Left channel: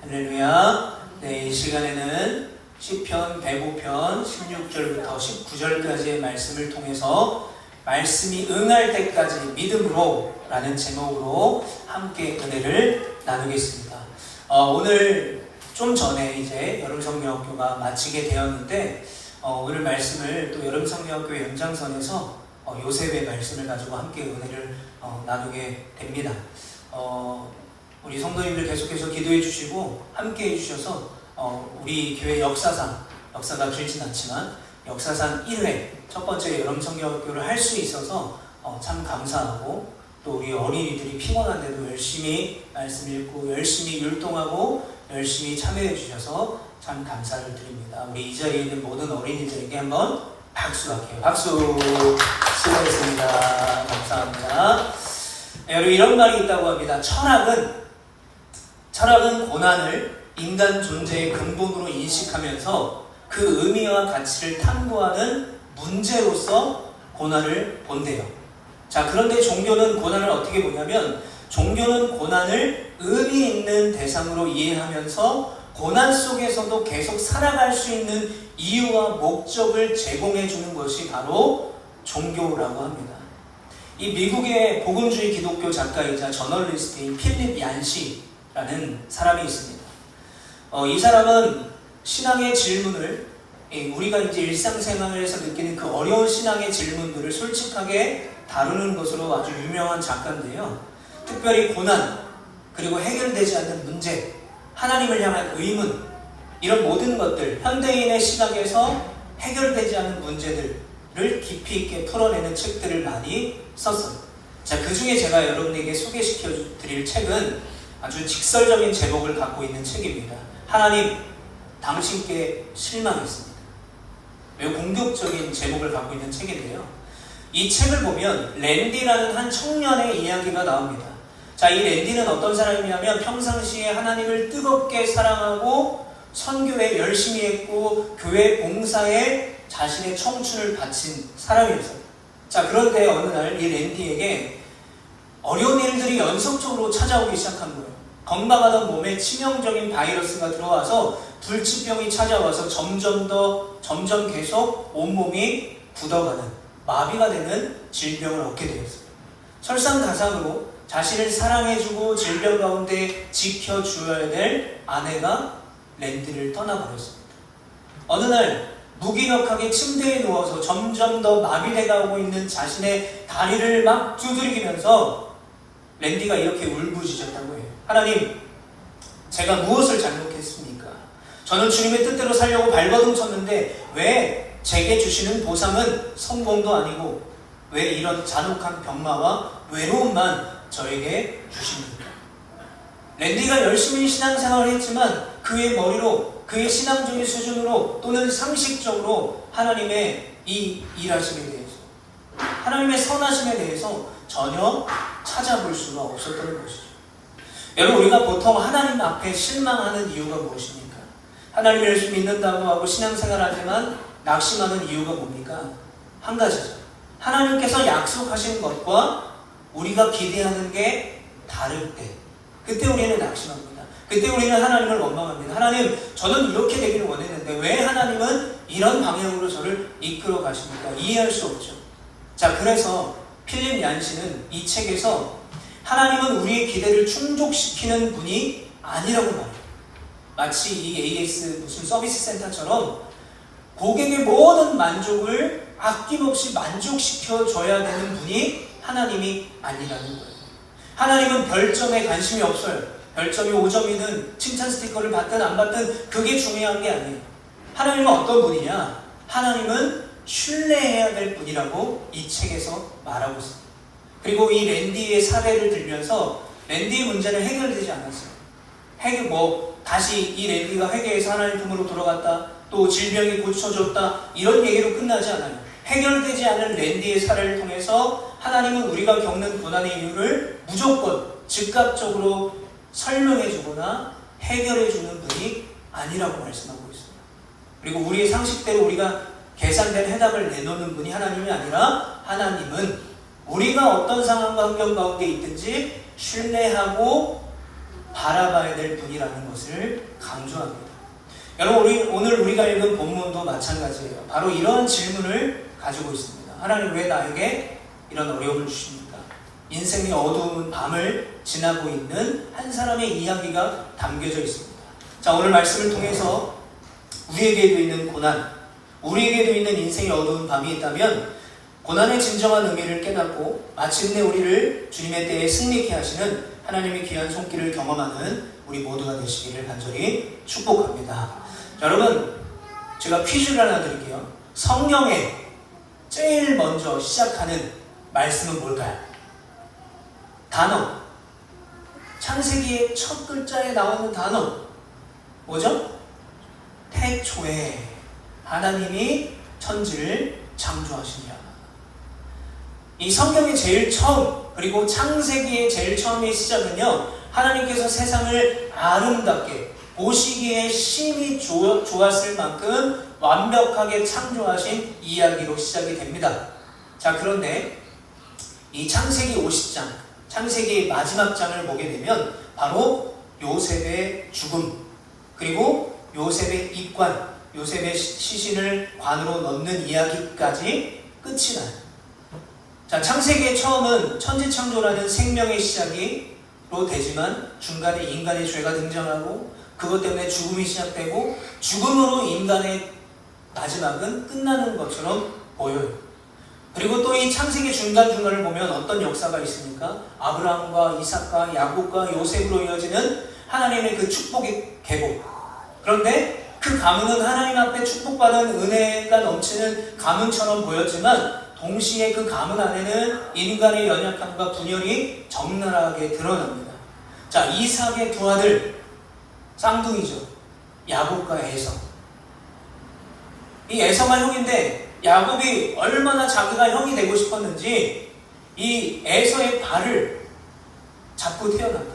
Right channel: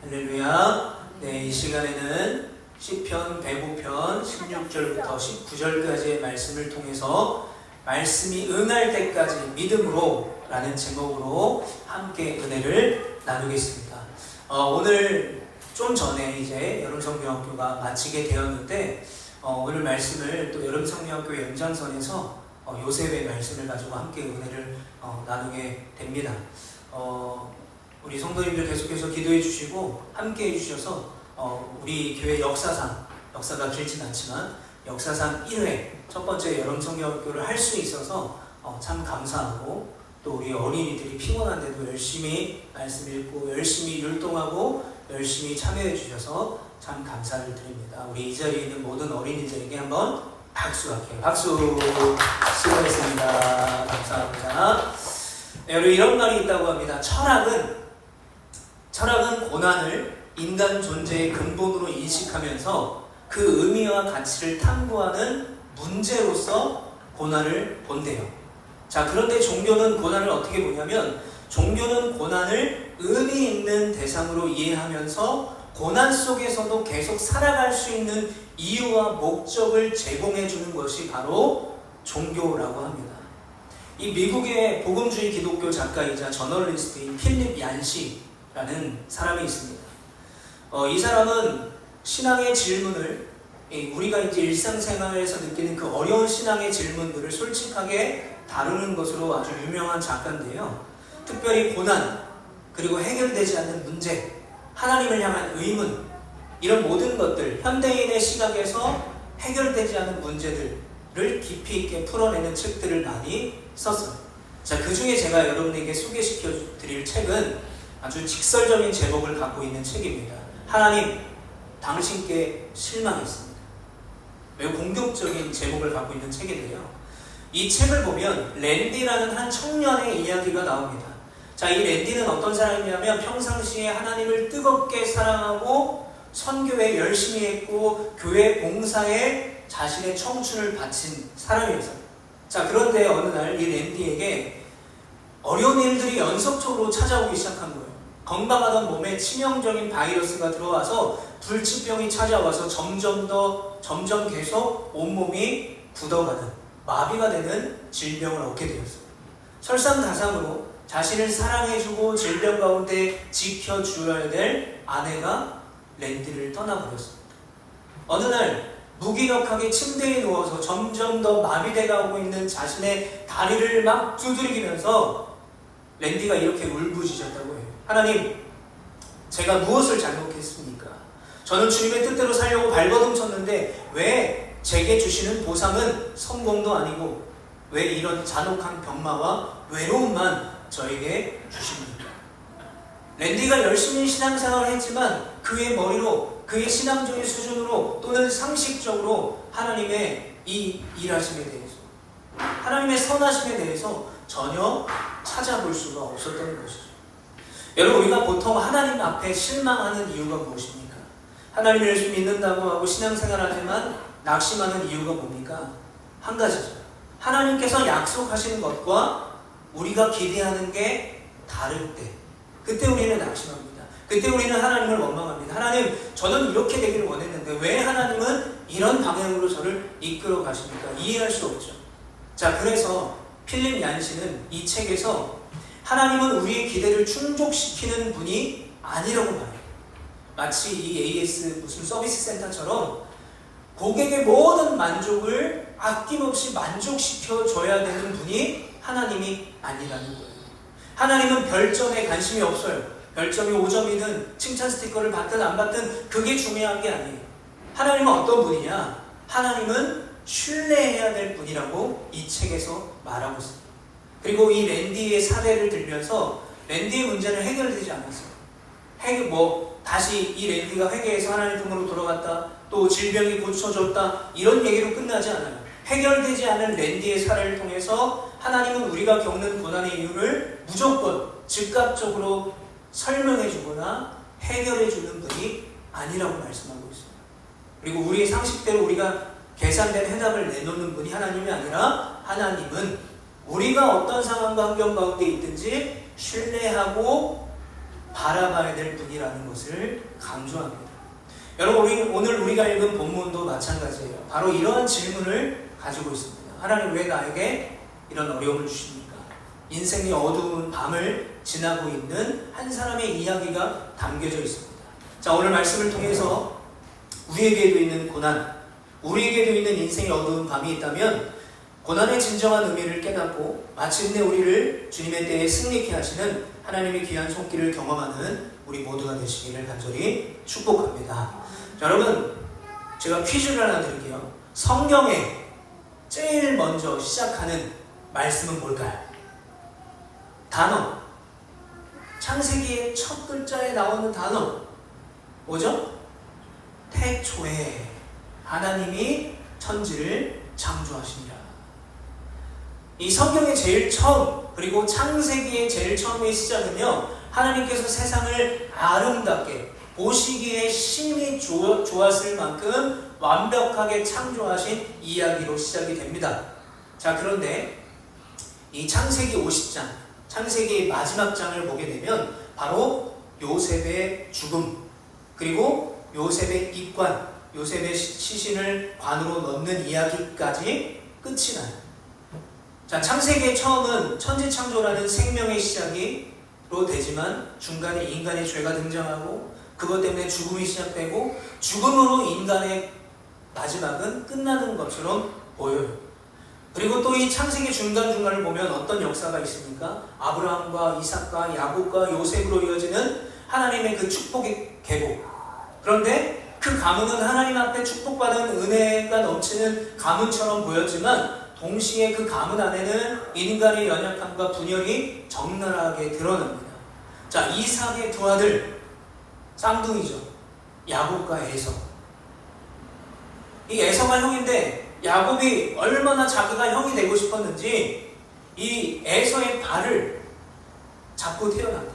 할렐루야. 네, 이 시간에는 시편 105편 16절부터 19절까지의 말씀을 통해서 말씀이 응할 때까지 믿음으로 라는 제목으로 함께 은혜를 나누겠습니다. 오늘 좀 전에 이제 여름성경학교가 마치게 되었는데 오늘 말씀을 또 여름성경학교 연장선에서 요셉의 말씀을 가지고 함께 은혜를 나누게 됩니다. 우리 성도님들 계속해서 기도해 주시고 함께 해주셔서 우리 교회 역사가 길진 않지만 역사상 1회 첫 번째 여름성경학교를 할 수 있어서 참 감사하고, 또 우리 어린이들이 피곤한데도 열심히 말씀 읽고 열심히 율동하고 열심히 참여해 주셔서 참 감사를 드립니다. 우리 이 자리에 있는 모든 어린이들에게 한번 박수할게요. 박수. 수고하셨습니다. 감사합니다. 여러분, 이런 말이 있다고 합니다. 철학은 고난을 인간 존재의 근본으로 인식하면서 그 의미와 가치를 탐구하는 문제로서 고난을 본대요. 자, 그런데 종교는 고난을 어떻게 보냐면, 종교는 고난을 의미 있는 대상으로 이해하면서 고난 속에서도 계속 살아갈 수 있는 이유와 목적을 제공해 주는 것이 바로 종교라고 합니다. 이 미국의 복음주의 기독교 작가이자 저널리스트인 필립 얀시라는 사람이 있습니다. 이 사람은 신앙의 질문을, 우리가 이제 일상생활에서 느끼는 그 어려운 신앙의 질문들을 솔직하게 다루는 것으로 아주 유명한 작가인데요. 특별히 고난, 그리고 해결되지 않는 문제, 하나님을 향한 의문, 이런 모든 것들, 현대인의 시각에서 해결되지 않은 문제들을 깊이 있게 풀어내는 책들을 많이 썼어요. 자, 그 중에 제가 여러분에게 소개시켜 드릴 책은 아주 직설적인 제목을 갖고 있는 책입니다. 하나님, 당신께 실망했습니다. 매우 공격적인 제목을 갖고 있는 책인데요. 이 책을 보면 랜디라는 한 청년의 이야기가 나옵니다. 자, 이 랜디는 어떤 사람이냐면 평상시에 하나님을 뜨겁게 사랑하고 선교에 열심히 했고 교회 봉사에 자신의 청춘을 바친 사람이었어요. 자, 그런데 어느 날 이 랜디에게 어려운 일들이 연속적으로 찾아오기 시작한 거예요. 건강하던 몸에 치명적인 바이러스가 들어와서 불치병이 찾아와서 점점 계속 온몸이 굳어가는, 마비가 되는 질병을 얻게 되었어요. 설상가상으로 자신을 사랑해주고 질병 가운데 지켜줘야 될 아내가 랜디를 떠나버렸습니다. 어느 날 무기력하게 침대에 누워서 점점 더 마비돼가고 있는 자신의 다리를 막 두드리면서 랜디가 이렇게 울부짖었다고 해요. 하나님, 제가 무엇을 잘못했습니까? 저는 주님의 뜻대로 살려고 발버둥 쳤는데 왜 제게 주시는 보상은 성공도 아니고 왜 이런 잔혹한 병마와 외로움만 저에게 주십니까? 랜디가 열심히 신앙생활을 했지만 그의 머리로, 그의 신앙적인 수준으로 또는 상식적으로 하나님의 이 일하심에 대해서, 하나님의 선하심에 대해서 전혀 찾아볼 수가 없었던 것이죠. 여러분, 우리가 보통 하나님 앞에 실망하는 이유가 무엇입니까? 하나님을 열심히 믿는다고 하고 신앙생활하지만 낙심하는 이유가 뭡니까? 한 가지죠. 하나님께서 약속하신 것과 우리가 기대하는 게 다를 때, 그때 우리는 낙심합니다. 그때 우리는 하나님을 원망합니다. 하나님, 저는 이렇게 되기를 원했는데 왜 하나님은 이런 방향으로 저를 이끌어 가십니까? 이해할 수 없죠. 자, 그래서 필립 얀시는 이 책에서 하나님은 우리의 기대를 충족시키는 분이 아니라고 말해요. 마치 이 AS 무슨 서비스 센터처럼 고객의 모든 만족을 아낌없이 만족시켜줘야 되는 분이 하나님이 아니라는 거예요. 하나님은 별점에 관심이 없어요. 별점이 5점이든 칭찬 스티커를 받든 안 받든 그게 중요한 게 아니에요. 하나님은 어떤 분이냐? 하나님은 신뢰해야 될 분이라고 이 책에서 말하고 있습니다. 그리고 이 랜디의 사례를 들면서 랜디의 문제는 해결되지 않았어요. 다시 이 랜디가 회개해서 하나님 품으로 돌아갔다, 또 질병이 고쳐졌다, 이런 얘기로 끝나지 않아요. 해결되지 않은 랜디의 사례를 통해서 하나님은 우리가 겪는 고난의 이유를 무조건 즉각적으로 설명해주거나 해결해주는 분이 아니라고 말씀하고 있습니다. 그리고 우리의 상식대로 우리가 계산된 해답을 내놓는 분이 하나님이 아니라, 하나님은 우리가 어떤 상황과 환경 가운데 있든지 신뢰하고 바라봐야 될 분이라는 것을 강조합니다. 여러분, 오늘 우리가 읽은 본문도 마찬가지예요. 바로 이런 질문을 가지고 있습니다. 하나님, 왜 나에게 이런 어려움을 주십니까? 인생의 어두운 밤을 지나고 있는 한 사람의 이야기가 담겨져 있습니다. 자, 오늘 말씀을 통해서 우리에게도 있는 고난, 우리에게도 있는 인생의 어두운 밤이 있다면 고난의 진정한 의미를 깨닫고 마침내 우리를 주님의 때에 승리케 하시는 하나님의 귀한 손길을 경험하는 우리 모두가 되시기를 간절히 축복합니다. 자, 여러분, 제가 퀴즈를 하나 드릴게요. 성경에 제일 먼저 시작하는 말씀은 뭘까요? 단어. 창세기의 첫 글자에 나오는 단어 뭐죠? 태초에 하나님이 천지를 창조하시니라. 이 성경의 제일 처음, 그리고 창세기의 제일 처음의 시작은요, 하나님께서 세상을 아름답게 보시기에 심히 좋았을 만큼 완벽하게 창조하신 이야기로 시작이 됩니다. 자, 그런데 이 창세기 50장, 창세기의 마지막 장을 보게 되면 바로 요셉의 죽음, 그리고 요셉의 입관, 요셉의 시신을 관으로 넣는 이야기까지 끝이 나요. 자, 창세기의 처음은 천지창조라는 생명의 시작으로 되지만 중간에 인간의 죄가 등장하고 그것 때문에 죽음이 시작되고 죽음으로 인간의 마지막은 끝나는 것처럼 보여요. 그리고 또 이 창세기 중간중간을 보면 어떤 역사가 있습니까? 아브라함과 이삭과 야곱과 요셉으로 이어지는 하나님의 그 축복의 계보. 그런데 그 가문은 하나님 앞에 축복받은 은혜가 넘치는 가문처럼 보였지만 동시에 그 가문 안에는 인간의 연약함과 분열이 적나라하게 드러납니다. 자, 이삭의 두 아들, 쌍둥이죠. 야곱과 에서. 이 에서가 형인데 야곱이 얼마나 자기가 형이 되고 싶었는지 이 에서의 발을 잡고 태어납니다.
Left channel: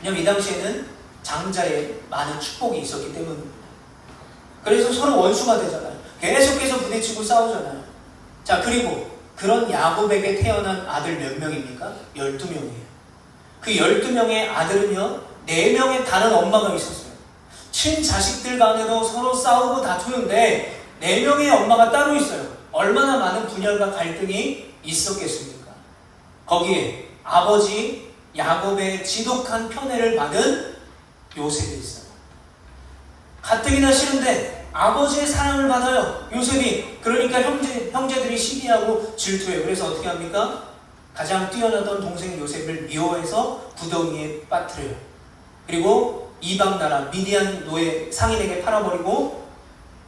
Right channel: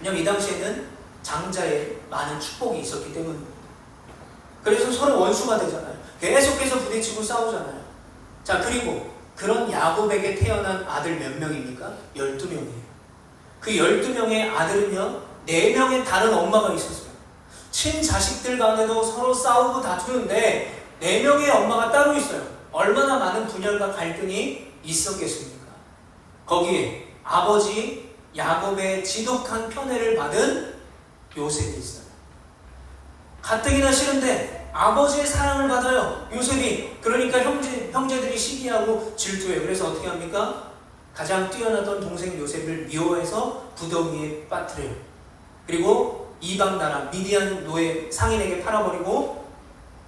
왜냐하면 이 당시에는 장자에 많은 축복이 있었기 때문입니다. 그래서 서로 원수가 되잖아요. 계속해서 부딪히고 싸우잖아요. 자, 그리고 그런 야곱에게 태어난 아들 몇 명입니까? 12명이에요. 그 12명의 아들은요, 4명의 다른 엄마가 있었어요. 친자식들 간에도 서로 싸우고 다투는데 4명의 엄마가 따로 있어요. 얼마나 많은 분열과 갈등이 있었겠습니까? 거기에 아버지 야곱의 지독한 편애를 받은 요셉이 있어요. 가뜩이나 싫은데 아버지의 사랑을 받아요. 요셉이. 그러니까 형제들이 시기하고 질투해요. 그래서 어떻게 합니까? 가장 뛰어나던 동생 요셉을 미워해서 구덩이에 빠뜨려요. 그리고 이방 나라 미디안 노예 상인에게 팔아버리고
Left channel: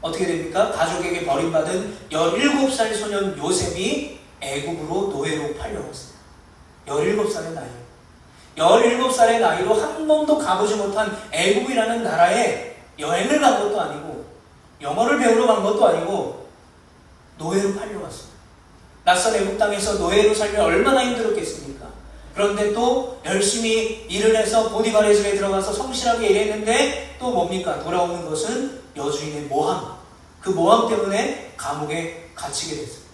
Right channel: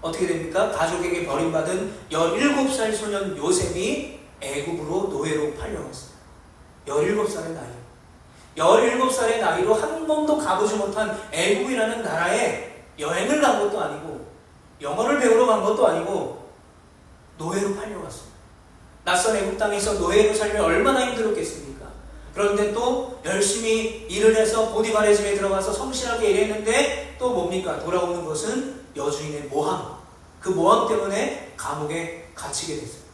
어떻게 됩니까? 가족에게 버림받은 17살 소년 요셉이 애굽으로 노예로 팔려갔어요. 17살의 나이. 17살의 나이로 한 번도 가보지 못한 애굽이라는 나라에 여행을 간 것도 아니고 영어를 배우러 간 것도 아니고 노예로 팔려갔어요. 낯선 애국 땅에서 노예로 살면 얼마나 힘들었겠습니까? 그런데 또 열심히 일을 해서 보디발의 집에 들어가서 성실하게 일했는데 또 뭡니까? 돌아오는 것은 여주인의 모함. 그 모함 때문에 감옥에 갇히게 됐어요.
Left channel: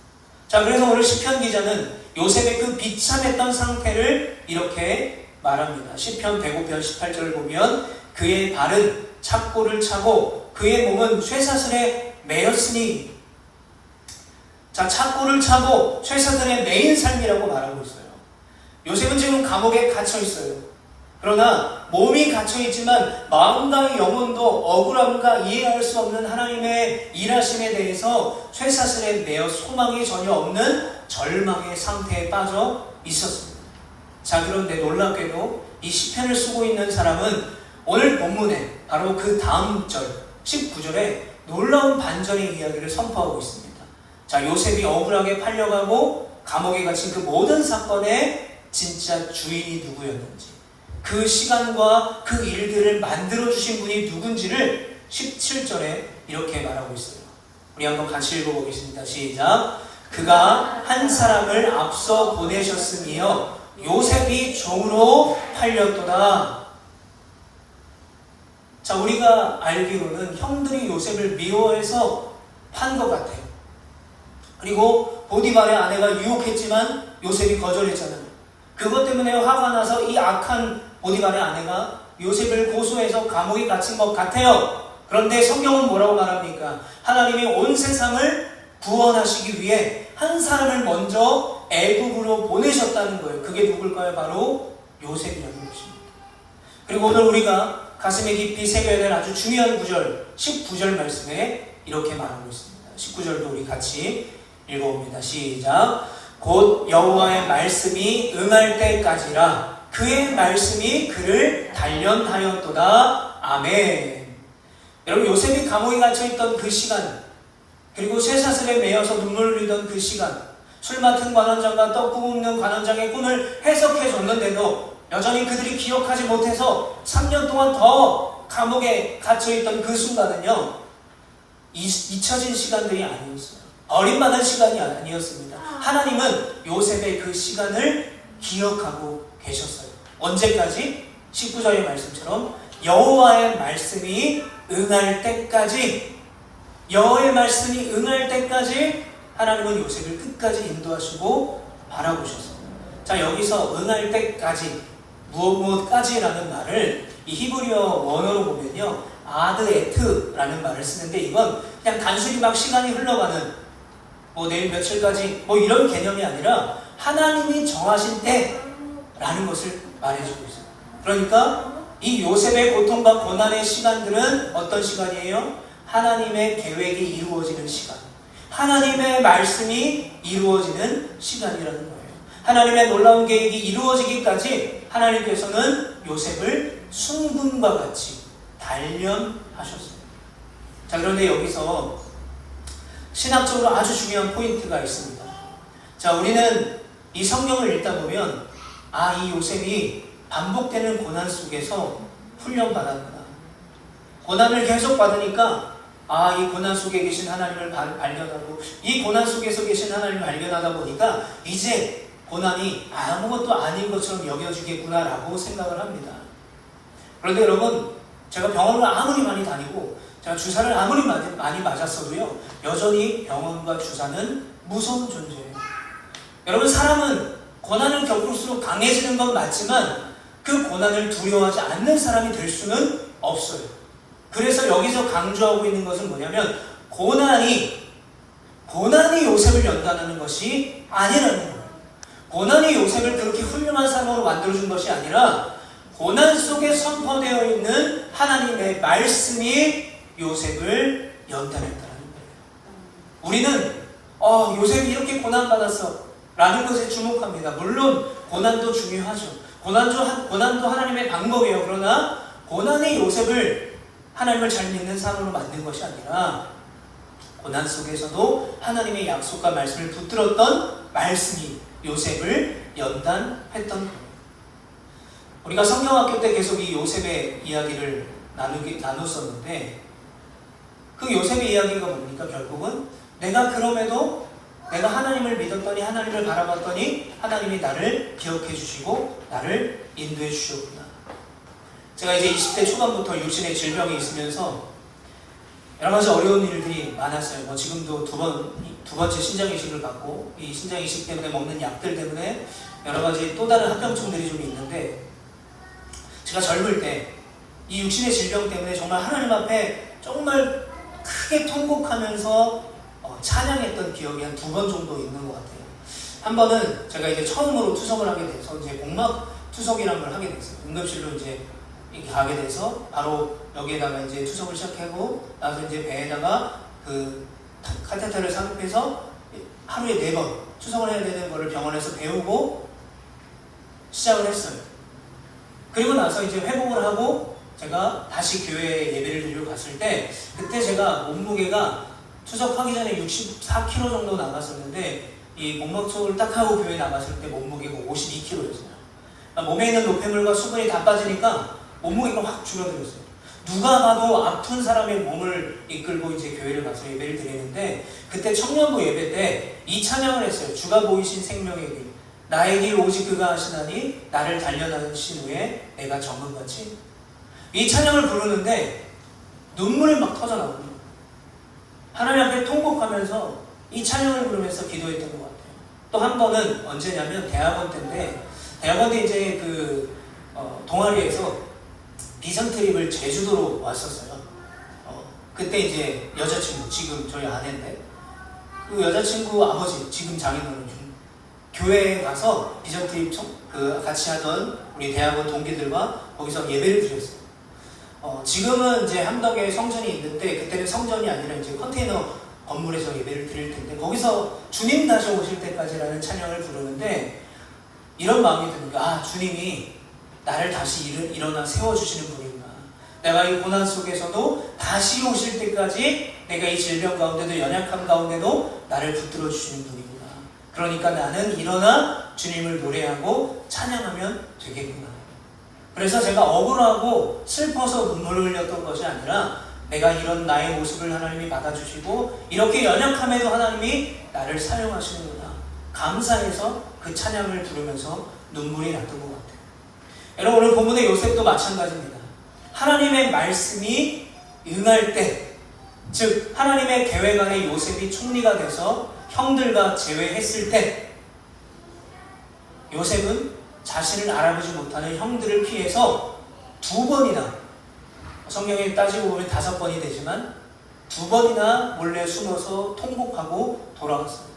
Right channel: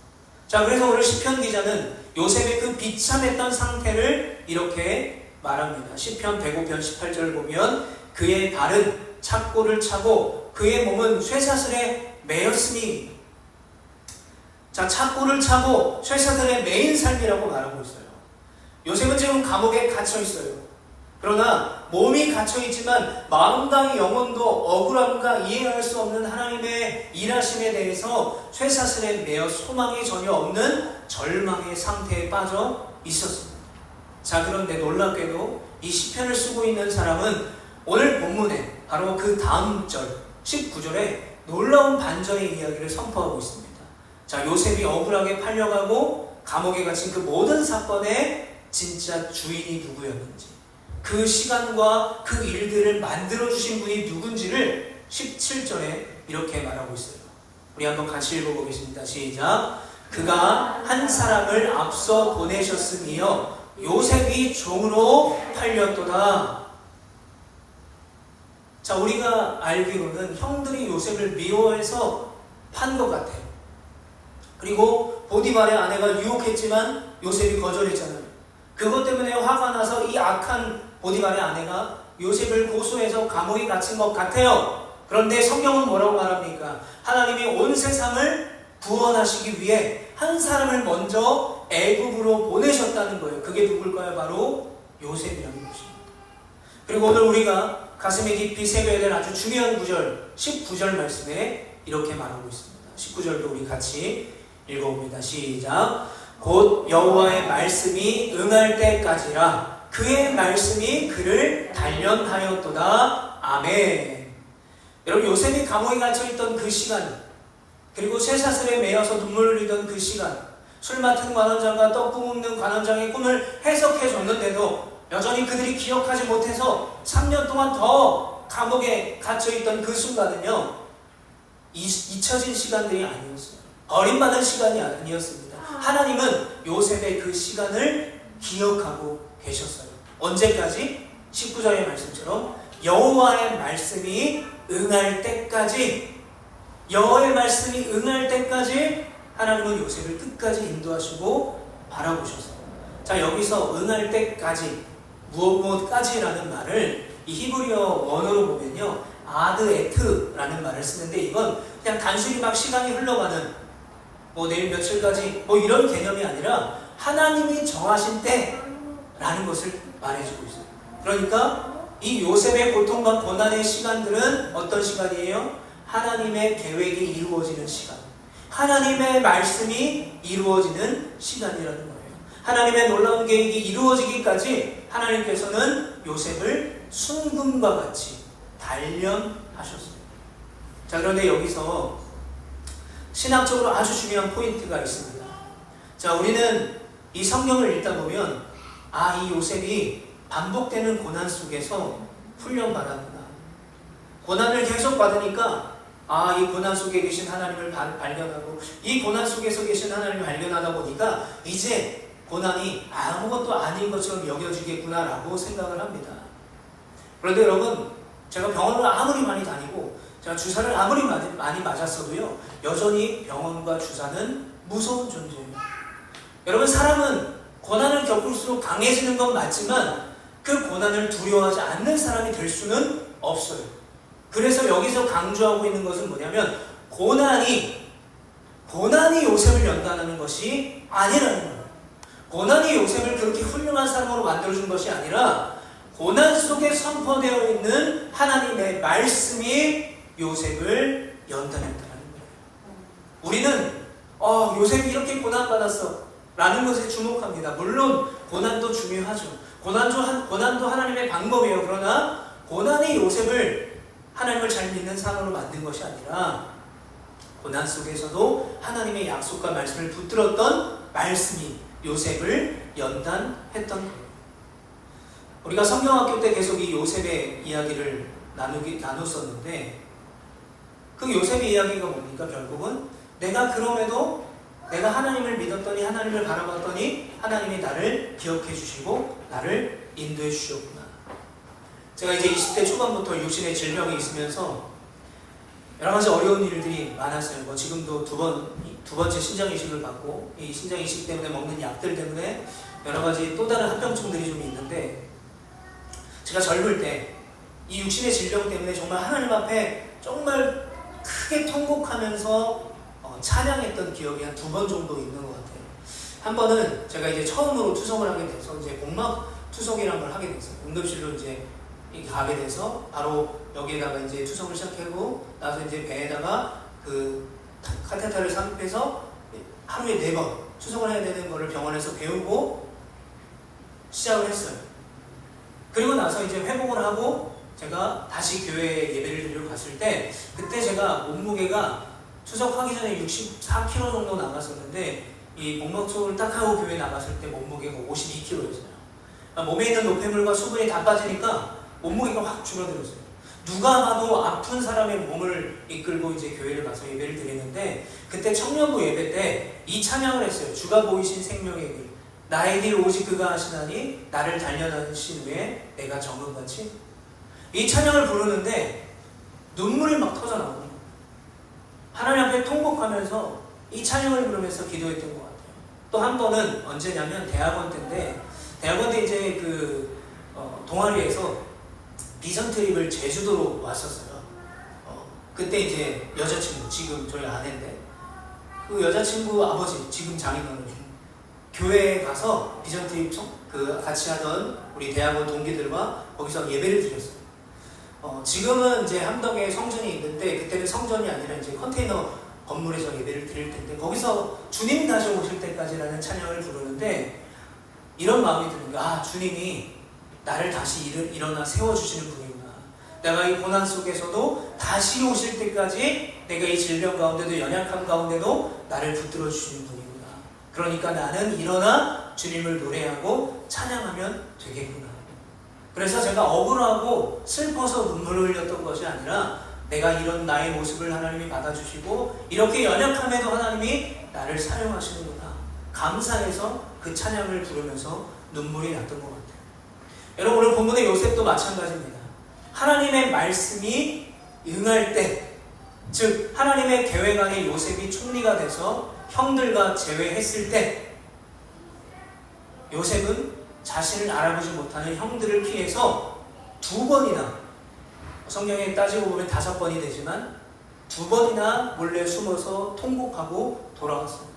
자, 그래서 오늘 시편 기자는 요셉의 그 비참했던 상태를 이렇게 말합니다. 시편 105편 18절을 보면 그의 발은 착고를 차고 그의 몸은 쇠사슬에 매였으니. 자, 착고를 차고 쇠사슬에 매인 삶이라고 말하고 있어요. 요셉은 지금 감옥에 갇혀 있어요. 그러나 몸이 갇혀 있지만 마음과 영혼도 억울함과 이해할 수 없는 하나님의 일하심에 대해서 쇠사슬에 매여 소망이 전혀 없는 절망의 상태에 빠져 있었습니다. 자, 그런데 놀랍게도 이 시편을 쓰고 있는 사람은 오늘 본문에 바로 그 다음 절 19절에 놀라운 반전의 이야기를 선포하고 있습니다. 자, 요셉이 억울하게 팔려가고 감옥에 갇힌 그 모든 사건의 진짜 주인이 누구였는지, 그 시간과 그 일들을 만들어주신 분이 누군지를 17절에 이렇게 말하고 있어요. 우리 한번 같이 읽어보겠습니다. 시작. 그가 한 사람을 앞서 보내셨으며 요셉이 종으로 팔렸도다. 자, 우리가 알기로는 형들이 요셉을 미워해서 판 것 같아요. 그리고 보디발의 아내가 유혹했지만 요셉이 거절했잖아요. 그것 때문에 화가 나서 이 악한 보디발의 아내가 요셉을 고소해서 감옥에 갇힌 것 같아요. 그런데 성경은 뭐라고 말합니까? 하나님이 온 세상을 구원하시기 위해 한 사람을 먼저 애굽으로 보내셨다는 거예요. 그게 누굴까요? 바로 요셉이라는 것입니다. 그리고 오늘 우리가 가슴에 깊이 새겨야 될 아주 중요한 구절, 19절 말씀에 이렇게 말하고 있습니다. 19절도 우리 같이 읽어봅니다. 시작. 곧 여호와의 말씀이 응할 때까지라 그의 말씀이 그를 단련하였도다. 아멘. 여러분, 요셉이 감옥에 갇혀있던 그 시간, 그리고 쇠사슬에 매여서 눈물을 흘리던 그 시간, 술 맡은 관원장과 떡 굽는 관원장의 꿈을 해석해 줬는데도 여전히 그들이 기억하지 못해서 3년 동안 더 감옥에 갇혀있던 그 순간은요, 잊혀진 시간들이 아니었어요. 버림받은 시간이 아니었습니다. 하나님은 요셉의 그 시간을 기억하고 계셨어요. 언제까지? 19절의 말씀처럼 여호와의 말씀이 응할 때까지, 여호와의 말씀이 응할 때까지 하나님은 요셉을 끝까지 인도하시고 바라보셨어요. 자, 여기서 응할 때까지, 무엇까지라는 말을 이 히브리어 원어로 보면요, 아드 에트라는 말을 쓰는데, 이건 그냥 단순히 막 시간이 흘러가는 내일 며칠까지 이런 개념이 아니라 하나님이 정하신 때라는 것을 말해주고 있어요. 그러니까 이 요셉의 고통과 고난의 시간들은 어떤 시간이에요? 하나님의 계획이 이루어지는 시간, 하나님의 말씀이 이루어지는 시간이라는 거예요. 하나님의 놀라운 계획이 이루어지기까지 하나님께서는 요셉을 순금과 같이 단련하셨습니다. 자, 그런데 여기서 신학적으로 아주 중요한 포인트가 있습니다. 자, 우리는 이 성경을 읽다 보면 이 요셉이 반복되는 고난 속에서 훈련받았구나. 고난을 계속 받으니까 이 고난 속에 계신 하나님을 발견하고, 이 고난 속에서 계신 하나님을 발견하다 보니까 이제 고난이 아무것도 아닌 것처럼 여겨지겠구나라고 생각을 합니다. 그런데 여러분, 제가 병원을 아무리 많이 다니고 제가 주사를 아무리 많이 맞았어도요, 여전히 병원과 주사는 무서운 존재예요. 여러분, 사람은 고난을 겪을수록 강해지는 건 맞지만 그 고난을 두려워하지 않는 사람이 될 수는 없어요. 그래서 여기서 강조하고 있는 것은 뭐냐면 고난이 요셉을 연단하는 것이 아니라는 거예요. 고난이 요셉을 그렇게 훌륭한 사람으로 만들어준 것이 아니라 고난 속에 선포되어 있는 하나님의 말씀이 요셉을 연단했다는 거예요. 우리는 요셉이 이렇게 고난받았어 라는 것에 주목합니다. 물론 고난도 중요하죠. 고난도 하나님의 방법이에요. 그러나 고난이 요셉을 하나님을 잘 믿는 사람으로 만든 것이 아니라 고난 속에서도 하나님의 약속과 말씀을 붙들었던 말씀이 요셉을 연단했던 거예요. 우리가 성경학교 때 계속 이 요셉의 이야기를 나눴었는데, 그 요셉의 이야기가 뭡니까? 결국은 내가 하나님을 믿었더니, 하나님을 바라봤더니 하나님이 나를 기억해 주시고 나를 인도해 주셨구나. 제가 이제 20대 초반부터 육신의 질병이 있으면서 여러 가지 어려운 일들이 많았어요. 지금도 두 번째 신장 이식을 받고, 이 신장 이식 때문에 먹는 약들 때문에 여러 가지 또 다른 합병증들이 좀 있는데, 제가 젊을 때 이 육신의 질병 때문에 정말 하나님 앞에 정말 크게 통곡하면서 찬양했던 기억이 한 2번 정도 있는 것 같아요. 한 번은 제가 이제 처음으로 투석을 하게 돼서 이제 복막 투석이라는 걸 하게 됐어요. 응급실로 이제 가게 돼서 바로 여기에다가 이제 투석을 시작하고 나서 이제 배에다가 그 카테터를 삽입해서 하루에 4번 투석을 해야 되는 거를 병원에서 배우고 시작을 했어요. 그리고 나서 이제 회복을 하고 제가 다시 교회에 예배를 드리러 갔을 때, 그때 제가 몸무게가 투석하기 전에 64kg 정도 나갔었는데, 이 목막소를 딱 하고 교회에 나갔을 때 몸무게가 52kg였어요. 그러니까 몸에 있는 노폐물과 수분이 다 빠지니까 몸무게가 확 줄어들었어요. 누가 봐도 아픈 사람의 몸을 이끌고 이제 교회를 가서 예배를 드리는데, 그때 청년부 예배 때 이 찬양을 했어요. 주가 보이신 생명의 길, 나의 길 오직 그가 하시나니 나를 단련하신 후에 내가 정금같이, 이 찬양을 부르는데 눈물이 막 터져 나오는 거예요. 하나님 앞에 통곡하면서 이 찬양을 부르면서 기도했던 것 같아요. 또 한 번은 언제냐면 대학원 때인데, 대학원 때 이제 동아리에서 비전 트립을 제주도로 왔었어요. 그때 이제 여자친구, 지금 저희 아내인데, 그 여자친구 아버지, 지금 장인어른, 교회에 가서 비전 트립 같이 하던 우리 대학원 동기들과 거기서 예배를 드렸어요. 지금은 이제 함덕에 성전이 있는데, 그때는 성전이 아니라 이제 컨테이너 건물에서 예배를 드릴 텐데, 거기서 주님 다시 오실 때까지라는 찬양을 부르는데, 이런 마음이 드는 거야. 주님이 나를 다시 일어나 세워주시는 분이구나. 내가 이 고난 속에서도 다시 오실 때까지 내가 이 질병 가운데도 연약함 가운데도 나를 붙들어 주시는 분이구나. 그러니까 나는 일어나 주님을 노래하고 찬양하면 되겠구나. 그래서 제가 억울하고 슬퍼서 눈물을 흘렸던 것이 아니라, 내가 이런 나의 모습을 하나님이 받아주시고 이렇게 연약함에도 하나님이 나를 사용하시는구나. 감사해서 그 찬양을 부르면서 눈물이 났던 것 같아요. 여러분, 오늘 본문의 요셉도 마찬가지입니다. 하나님의 말씀이 응할 때, 즉 하나님의 계획 안에 요셉이 총리가 돼서 형들과 제외했을 때, 요셉은 자신을 알아보지 못하는 형들을 피해서 2번이나, 성경에 따지고 보면 5번이 되지만 2번이나 몰래 숨어서 통곡하고 돌아왔어요.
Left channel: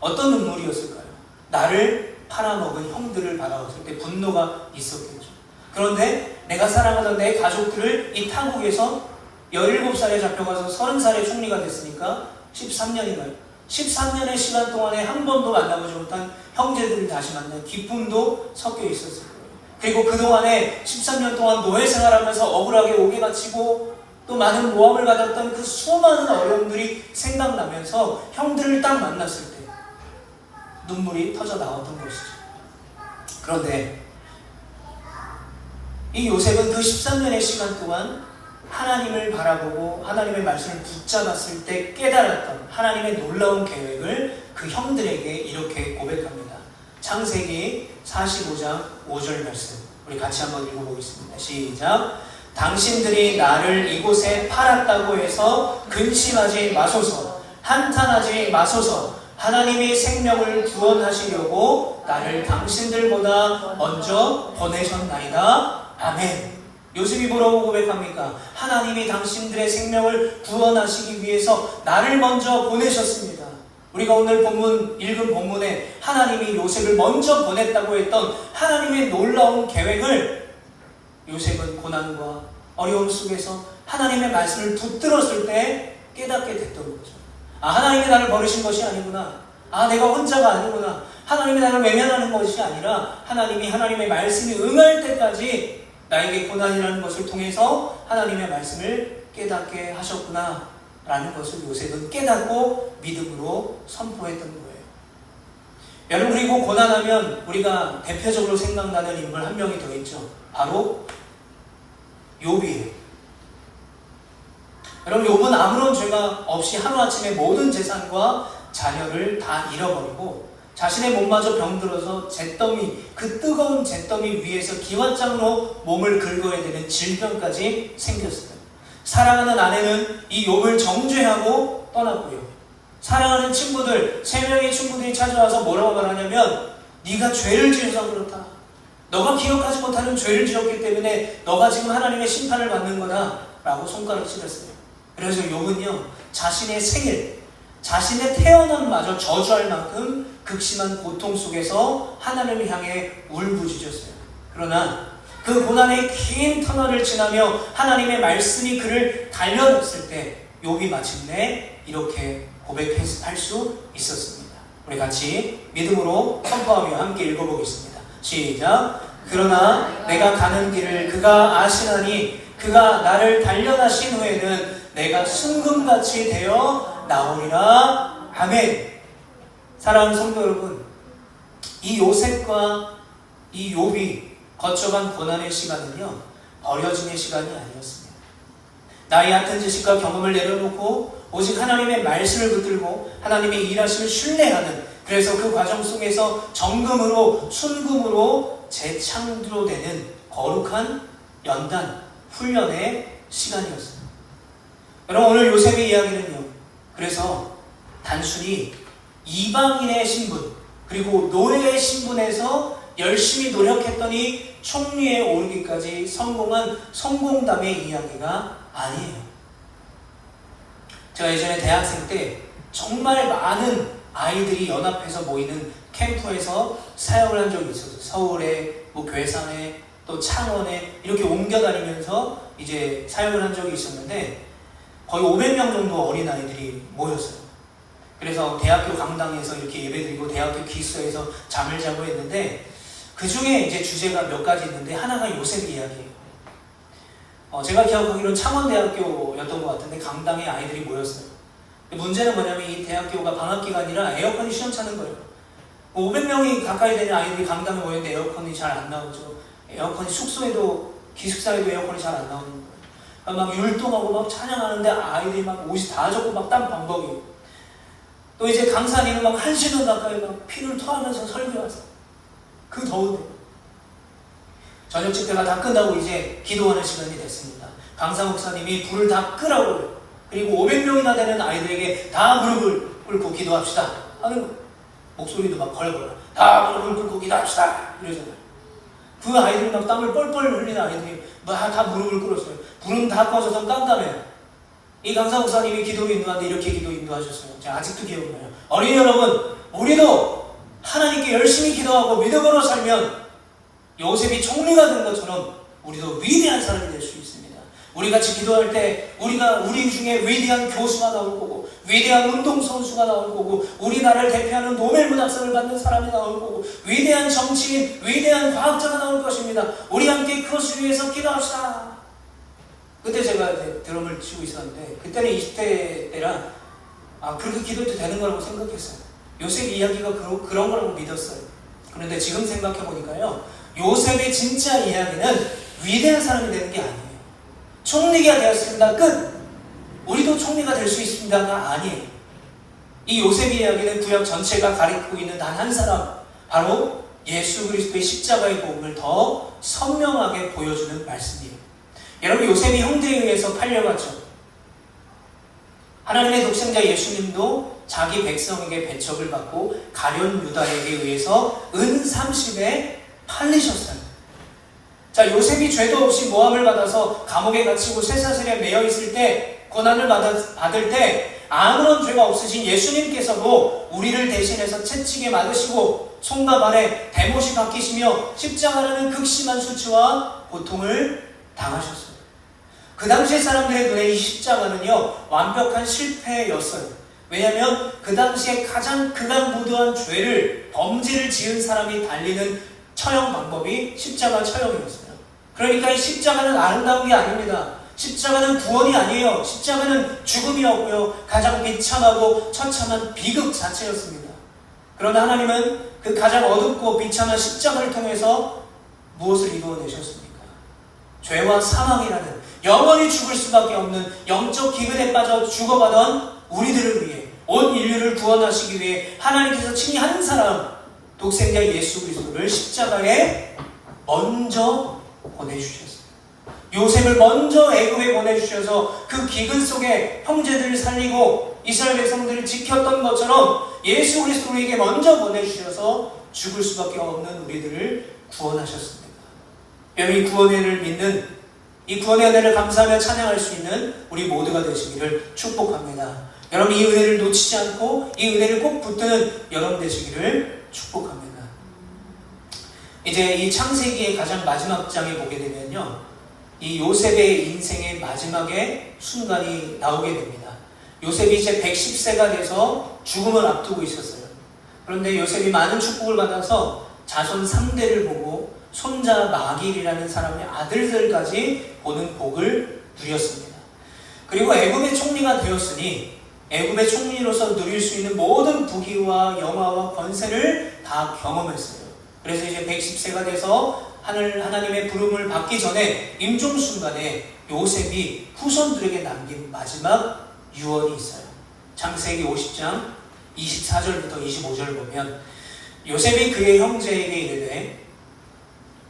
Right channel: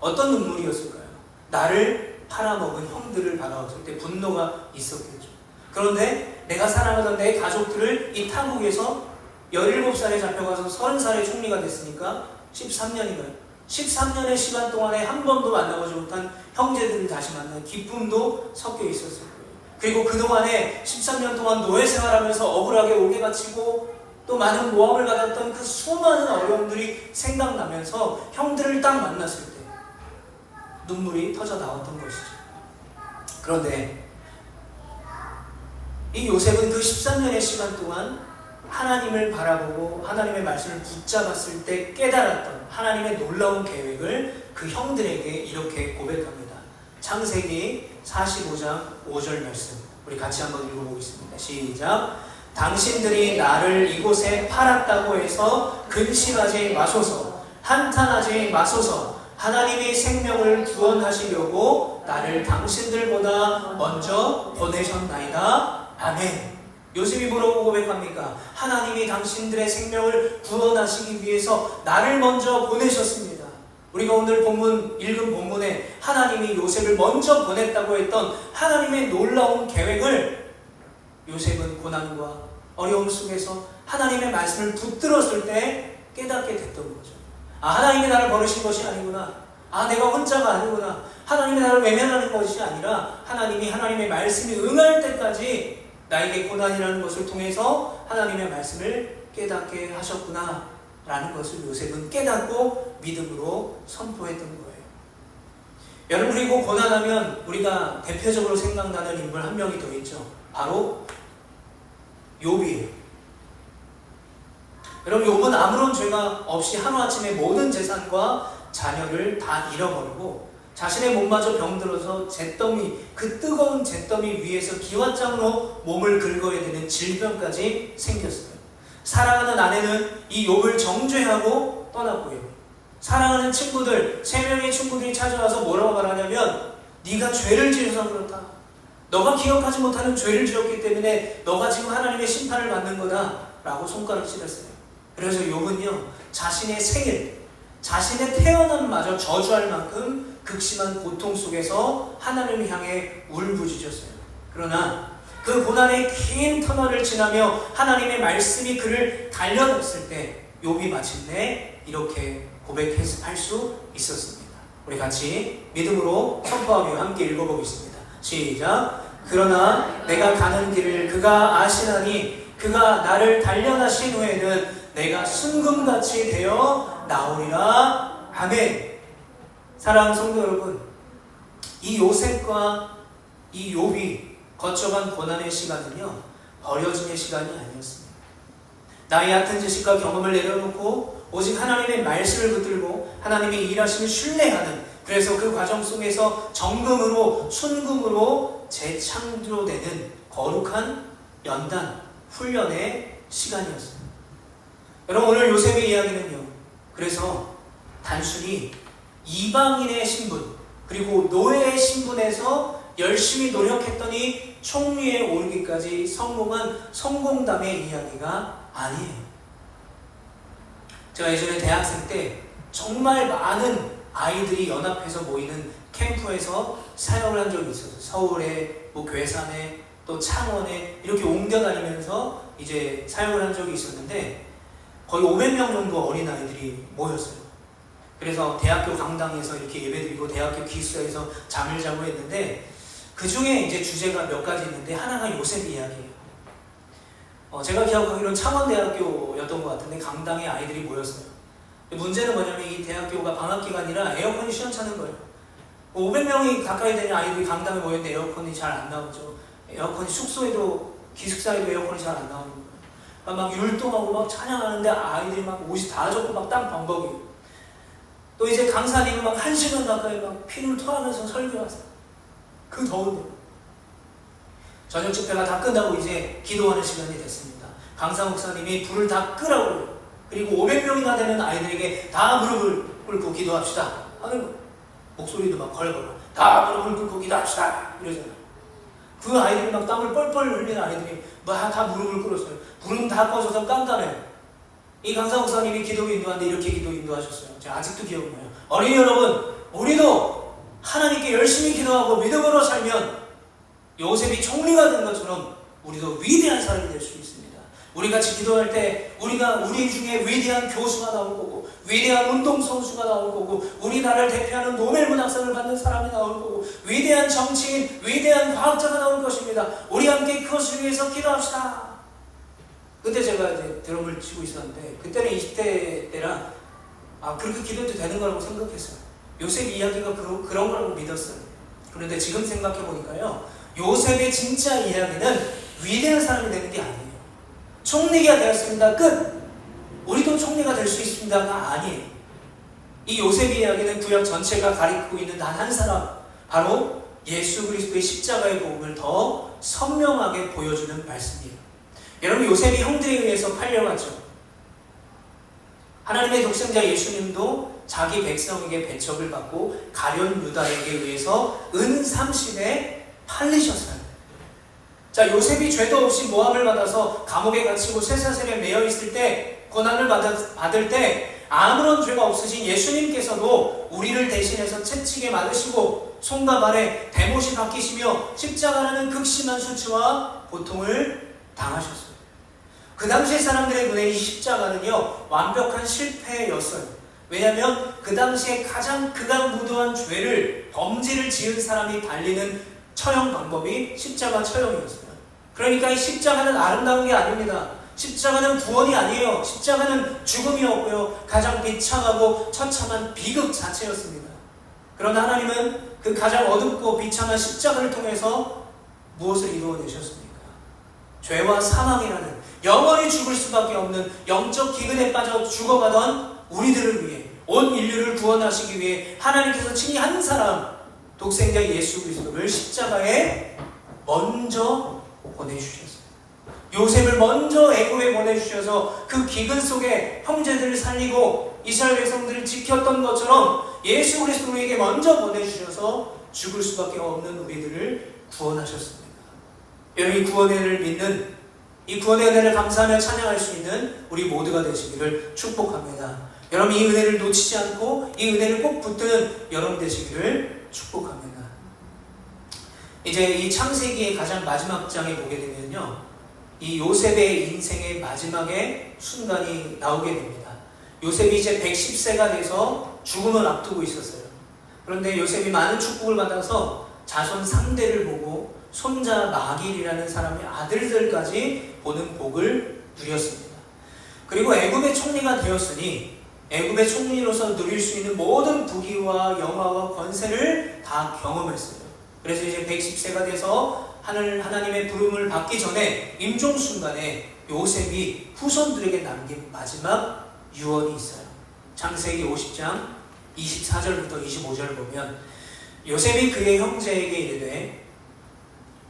어떤 눈물이었을까요? 나를 팔아먹은 형들을 바라봤을 때 분노가 있었겠죠. 그런데 내가 사랑하던 내 가족들을 이 타국에서 17살에 잡혀가서 30살에 총리가 됐으니까 13년인가요? 13년의 시간 동안에 한 번도 만나보지 못한 형제들을 다시 만나는 기쁨도 섞여 있었을 거예요. 그리고 그동안에 13년 동안 노예 생활하면서 억울하게 옥에 갇히고 또 많은 모함을 받았던 그 수많은 어려움들이 생각나면서 형들을 딱 만났을 때 눈물이 터져 나왔던 것이죠. 그런데 이 요셉은 그 13년의 시간 동안 하나님을 바라보고 하나님의 말씀을 붙잡았을 때 깨달았던 하나님의 놀라운 계획을 그 형들에게 이렇게 고백합니다. 창세기 45장 5절 말씀, 우리 같이 한번 읽어보겠습니다. 시작. 당신들이 나를 이곳에 팔았다고 해서 근심하지 마소서, 한탄하지 마소서. 하나님이 생명을 구원하시려고 나를 당신들보다 먼저 보내셨나이다. 아멘. 요셉이 뭐라고 고백합니까? 하나님이 당신들의 생명을 구원하시기 위해서 나를 먼저 보내셨습니다. 우리가 오늘 읽은 본문에 하나님이 요셉을 먼저 보냈다고 했던 하나님의 놀라운 계획을 요셉은 고난과 어려움 속에서 하나님의 말씀을 붙들었을 때 깨닫게 됐던 거죠. 하나님이 나를 버리신 것이 아니구나. 내가 혼자가 아니구나. 하나님이 나를 외면하는 것이 아니라 하나님이 하나님의 말씀이 응할 때까지 나에게 고난이라는 것을 통해서 하나님의 말씀을 깨닫게 하셨구나 라는 것을 요셉은 깨닫고 믿음으로 선포했던 거예요. 여러분, 그리고 고난하면 우리가 대표적으로 생각나는 인물 한 명이 더 있죠. 바로 욥이에요. 여러분, 욥은 아무런 죄가 없이 하루아침에 모든 재산과 자녀를 다 잃어버리고 자신의 몸마저 병들어서 그 뜨거운 잿더미 위에서 기왓장으로 몸을 긁어야 되는 질병까지 생겼어요. 사랑하는 아내는 이 욥을 정죄하고 떠났고요. 사랑하는 친구들, 3명의 친구들이 찾아와서 뭐라고 말하냐면, 네가 죄를 지어서 그렇다. 너가 기억하지 못하는 죄를 지었기 때문에 너가 지금 하나님의 심판을 받는 거다 라고 손가락을 찔렀어요. 그래서 욥은요, 자신의 생일, 자신의 태어남마저 저주할 만큼 극심한 고통 속에서 하나님을 향해 울부짖었어요. 그러나 그 고난의 긴 터널을 지나며 하나님의 말씀이 그를 달려놨을 때 욥이 마침내 이렇게 고백할 수 있었습니다. 우리 같이 믿음으로 선포하며 함께 읽어보겠습니다. 시작. 그러나 내가 가는 길을 그가 아시나니 그가 나를 단련하신 후에는 내가 순금같이 되어 나오리라. 아멘. 사랑하는 성도 여러분, 이 요셉과 이 욥이 거쳐간 고난의 시간은요, 버려짐의 시간이 아니었습니다. 나의 얕은 지식과 경험을 내려놓고 오직 하나님의 말씀을 붙들고 하나님의 일하심을 신뢰하는, 그래서 그 과정 속에서 정금으로 순금으로 재창조되는 거룩한 연단, 훈련의 시간이었습니다. 여러분, 오늘 요셉의 이야기는요, 그래서 단순히 이방인의 신분, 그리고 노예의 신분에서 열심히 노력했더니 총리에 오르기까지 성공한 성공담의 이야기가 아니에요. 제가 예전에 대학생 때 정말 많은 아이들이 연합해서 모이는 캠프에서 사역을 한 적이 있었어요. 서울에, 괴산에, 또 창원에 이렇게 옮겨 다니면서 이제 사역을 한 적이 있었는데 거의 500명 정도 어린아이들이 모였어요. 그래서 대학교 강당에서 이렇게 예배드리고 대학교 기숙사에서 잠을 자고 했는데 그 중에 이제 주제가 몇 가지 있는데 하나가 요셉 이야기예요. 제가 기억하기로는 창원대학교였던 것 같은데 강당에 아이들이 모였어요. 문제는 뭐냐면 이 대학교가 방학기간이라 에어컨이 시원찮은 거예요. 500명이 가까이 되는 아이들이 강당에 모였는데 에어컨이 잘 안 나오죠. 에어컨이 숙소에도 기숙사에도 에어컨이 잘 안 나오는 거예요. 막 율동하고 막 찬양하는데 아이들이 막 옷이 다 젖고 막 땀 범벅이에요. 또 이제 강사님은 막 1시간 가까이 막 피를 토하면서 설교하세요. 그 더운데. 저녁 집회가 다 끝나고 이제 기도하는 시간이 됐습니다. 강사 목사님이 불을 다 끄라고요. 그리고 500명이나 되는 아이들에게 다 무릎을 꿇고 기도합시다 하는 거예요. 목소리도 막 걸걸어. 다 무릎을 꿇고 기도합시다 이러잖아요. 그 아이들이 막 땀을 뻘뻘 흘리는 아이들이 막 다 무릎을 꿇었어요. 불은 다 꺼져서 깜깜해요. 이 강사 목사님이 기도 인도하는데 이렇게 기도 인도하셨어요. 제가 아직도 기억나요. 어린이 여러분, 우리도 하나님께 열심히 기도하고 믿음으로 살면 요셉이 총리가 된 것처럼 우리도 위대한 사람이 될 수 있습니다. 우리 같이 기도할 때 우리 중에 위대한 교수가 나올 거고 위대한 운동선수가 나올 거고 우리나라를 대표하는 노벨 문학상을 받는 사람이 나올 거고 위대한 정치인, 위대한 과학자가 나올 것입니다. 우리 함께 그것을 위해서 기도합시다. 그때 제가 이제 드럼을 치고 있었는데 그때는 20대 때라 그렇게 기도해도 되는 거라고 생각했어요. 요셉 이야기가 그런 거라고 믿었어요. 그런데 지금 생각해 보니까요, 요셉의 진짜 이야기는 위대한 사람이 되는 게 아니에요. 총리가 되었습니다. 끝! 우리도 총리가 될 수 있습니다가 아니에요. 이 요셉의 이야기는 구약 전체가 가리키고 있는 단 한 사람, 바로 예수 그리스도의 십자가의 복음을 더 선명하게 보여주는 말씀이에요. 여러분, 요셉이 형들에 의해서 팔려갔죠. 하나님의 독생자 예수님도 자기 백성에게 배척을 받고 가룟 유다에게 의해서 은 30에 팔리셨어요. 자, 요셉이 죄도 없이 모함을 받아서 감옥에 갇히고 쇠사슬에 매여 있을 때, 고난을 받을 때 아무런 죄가 없으신 예수님께서도 우리를 대신해서 채찍에 맞으시고 손과 발에 대못이 박히시며 십자가라는 극심한 수치와 고통을 당하셨어요. 그 당시의 사람들의 눈에 이 십자가는요, 완벽한 실패였어요. 왜냐하면 그 당시에 가장 극악무도한 죄를, 범죄를 지은 사람이 달리는 처형 방법이 십자가 처형이었어요. 그러니까 이 십자가는 아름다운 게 아닙니다. 십자가는 구원이 아니에요. 십자가는 죽음이었고요, 가장 비참하고 처참한 비극 자체였습니다. 그러나 하나님은 그 가장 어둡고 비참한 십자가를 통해서 무엇을 이루어내셨습니까? 죄와 사망이라는 영원히 죽을 수밖에 없는 영적 기근에 빠져 죽어가던 우리들을 위해, 온 인류를 구원하시기 위해 하나님께서 친히 한 사람, 독생자 예수 그리스도를 십자가에 먼저 보내주셨습니다. 요셉을 먼저 애굽에 보내주셔서 그 기근 속에 형제들을 살리고 이스라엘 백성들을 지켰던 것처럼 예수 그리스도에게 먼저 보내주셔서 죽을 수밖에 없는 우리들을 구원하셨습니다. 여러분, 이 구원의 은혜를 믿는, 이 구원의 은혜를 감사하며 찬양할 수 있는 우리 모두가 되시기를 축복합니다. 여러분, 이 은혜를 놓치지 않고 이 은혜를 꼭 붙드는 여러분 되시기를 축복합니다. 이제 이 창세기의 가장 마지막 장에 보게 되면요, 이 요셉의 인생의 마지막의 순간이 나오게 됩니다. 요셉이 이제 110세가 돼서 죽음을 앞두고 있었어요. 그런데 요셉이 많은 축복을 받아서 자손 3대를 보고 손자 마길이라는 사람의 아들들까지 보는 복을 누렸습니다. 그리고 애굽의 총리가 되었으니 애굽의 총리로서 누릴 수 있는 모든 부귀와 영화와 권세를 다 경험했어요. 그래서 이제 110세가 돼서 하나님의 부름을 받기 전에 임종 순간에 요셉이 후손들에게 남긴 마지막 유언이 있어요. 창세기 50장 24절부터 25절을 보면 요셉이 그의 형제에게 이르되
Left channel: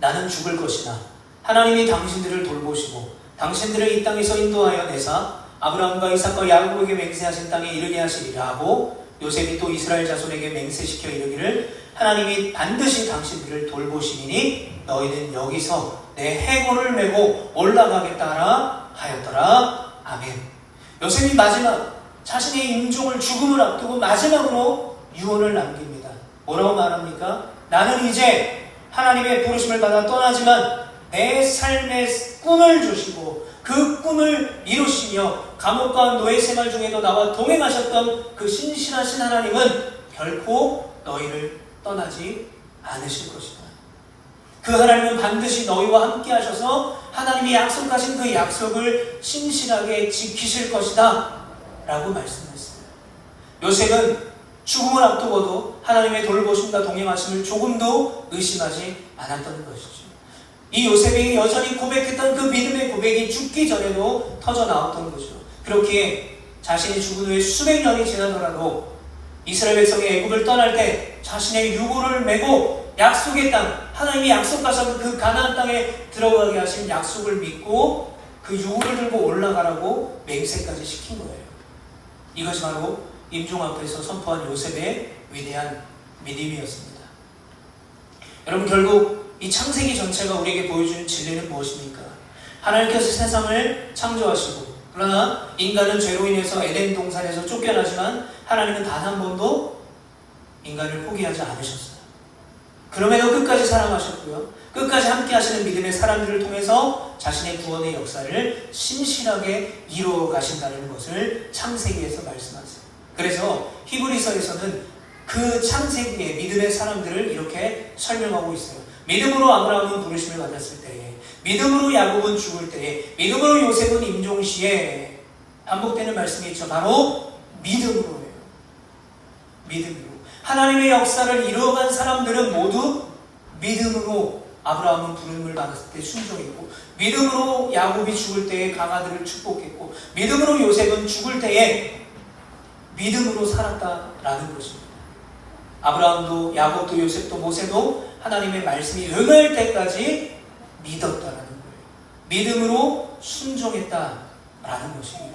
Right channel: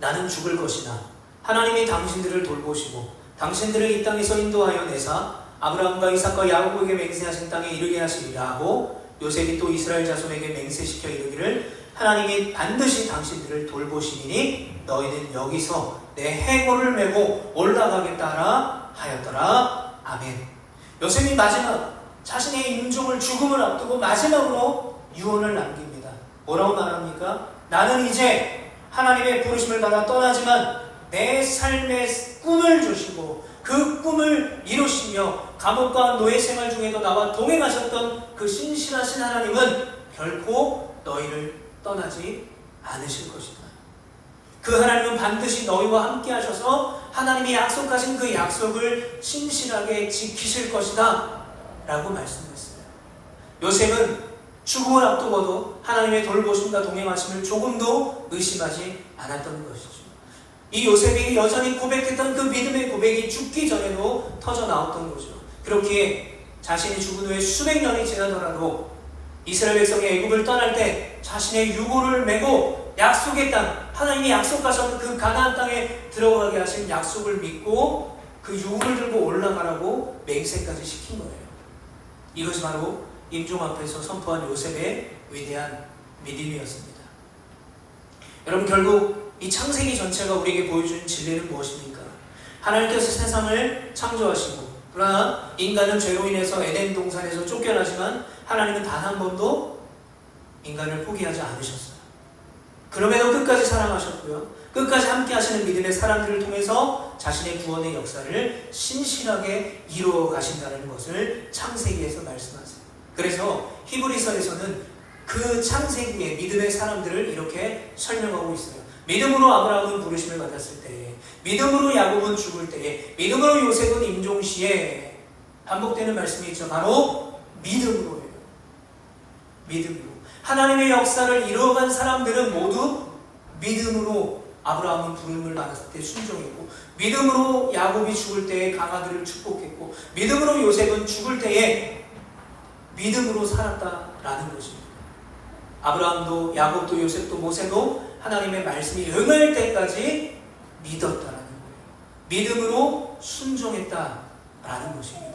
나는 죽을 것이나 하나님이 당신들을 돌보시고 당신들을 이 땅에서 인도하여 내사 아브라함과 이삭과 야곱에게 맹세하신 땅에 이르게 하시리라 하고, 요셉이 또 이스라엘 자손에게 맹세시켜 이르기를 하나님이 반드시 당신들을 돌보시리니 너희는 여기서 내 해골을 메고 올라가겠다 하였더라. 아멘. 요셉이 마지막 자신의 임종을 죽음을 앞두고 마지막으로 유언을 남깁니다. 뭐라고 말합니까? 나는 이제 하나님의 부르심을 받아 떠나지만 내 삶의 꿈을 주시고 그 꿈을 이루시며 감옥과 노예 생활 중에도 나와 동행하셨던 그 신실하신 하나님은 결코 너희를 떠나지 않으실 것이다. 그 하나님은 반드시 너희와 함께 하셔서 하나님이 약속하신 그 약속을 신실하게 지키실 것이다 라고 말씀했어요. 요셉은 죽음을 앞두고도 하나님의 돌보심과 동행하심을 조금도 의심하지 않았던 것이죠. 이 요셉이 여전히 고백했던 그 믿음의 고백이 죽기 전에도 터져 나왔던 거죠. 그렇게 자신이 죽은 후에 수백 년이 지나더라도 이스라엘 백성이 애굽을 떠날 때 자신의 유고를 메고 약속의 땅, 하나님이 약속하셨던 그 가나안 땅에 들어가게 하신 약속을 믿고 그 유고를 들고 올라가라고 맹세까지 시킨 거예요. 이것이 바로 임종 앞에서 선포한 요셉의 위대한 믿음이었습니다. 여러분, 결국 이 창세기 전체가 우리에게 보여주는 진리는 무엇입니까? 하나님께서 세상을 창조하시고 그러나 인간은 죄로 인해서 에덴 동산에서 쫓겨나지만 하나님은 단 한 번도 인간을 포기하지 않으셨어요. 그럼에도 끝까지 사랑하셨고요. 끝까지 함께 하시는 믿음의 사람들을 통해서 자신의 구원의 역사를 신실하게 이루어 가신다는 것을 창세기에서 말씀하세요. 그래서 히브리서에서는 그 창세기의 믿음의 사람들을 이렇게 설명하고 있어요. 믿음으로 아브라함은 부르심을 받았을 때에, 믿음으로 야곱은 죽을 때에, 믿음으로 요셉은 임종시에, 반복되는 말씀이 있죠. 바로 믿음으로예요. 믿음으로. 하나님의 역사를 이루어간 사람들은 모두 믿음으로 아브라함은 부름을 받았을 때 순종했고, 믿음으로 야곱이 죽을 때에 강아들을 축복했고, 믿음으로 요셉은 죽을 때에 믿음으로 살았다라는 것입니다. 아브라함도 야곱도 요셉도 모세도 하나님의 말씀이 응할 때까지 믿었다라는 거예요. 믿음으로 순종했다라는 것입니다.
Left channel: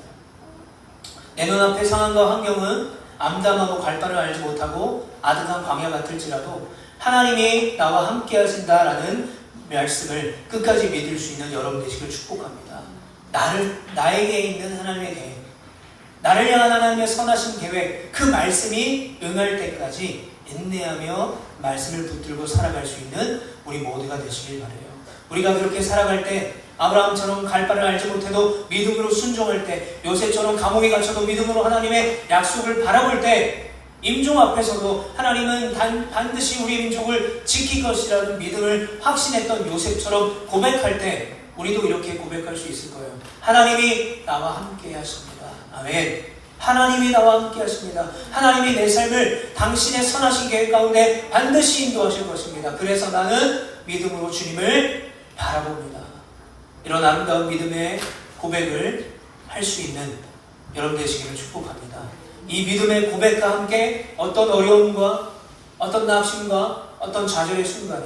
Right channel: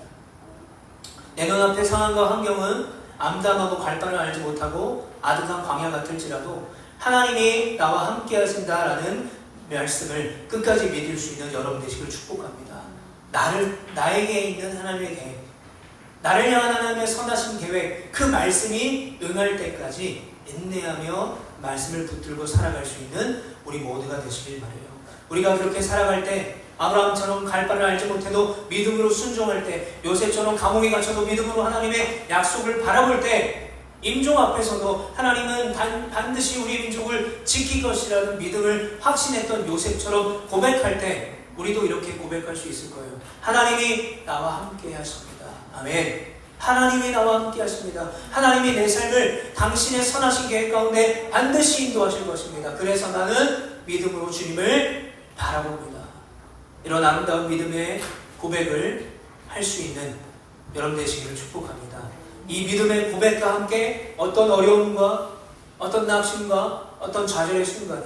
내 눈앞의 상황과 환경은 암담하고 갈 바를 알지 못하고 아득한 광야 같을지라도 하나님이 나와 함께 하신다라는 말씀을 끝까지 믿을 수 있는 여러분 되시길 축복합니다. 나에게 있는 하나님의 계획, 나를 향한 하나님의 선하신 계획, 그 말씀이 응할 때까지 인내하며 말씀을 붙들고 살아갈 수 있는 우리 모두가 되시길 바라요. 우리가 그렇게 살아갈 때 아브라함처럼 갈 바를 알지 못해도 믿음으로 순종할 때, 요셉처럼 감옥에 갇혀도 믿음으로 하나님의 약속을 바라볼 때, 임종 앞에서도 하나님은 반드시 우리 민족을 지킬 것이라는 믿음을 확신했던 요셉처럼 고백할 때 우리도 이렇게 고백할 수 있을 거예요. 하나님이 나와 함께 하십니다. 아멘. 하나님이 나와 함께 하십니다. 하나님이 내 삶을 당신의 선하신 계획 가운데 반드시 인도하실 것입니다. 그래서 나는 믿음으로 주님을 바라봅니다. 이런 아름다운 믿음의 고백을 할 수 있는 여러분 되시기를 축복합니다. 이 믿음의 고백과 함께 어떤 어려움과 어떤 낙심과 어떤 좌절의 순간에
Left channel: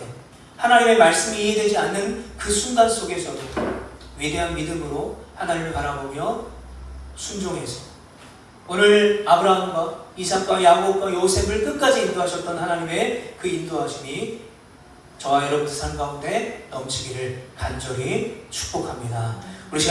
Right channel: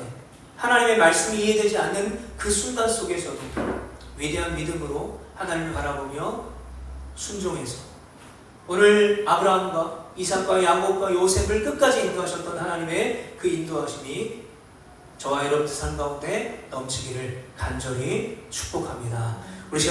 하나님의 말씀이 이해되지 않는 그 순간 속에서도 위대한 믿음으로 하나님을 바라보며 순종해서 오늘 아브라함과 이삭과 야곱과 요셉을 끝까지 인도하셨던 하나님의 그 인도하심이 저와 여러분들 삶 가운데 넘치기를 간절히 축복합니다. 우리 시간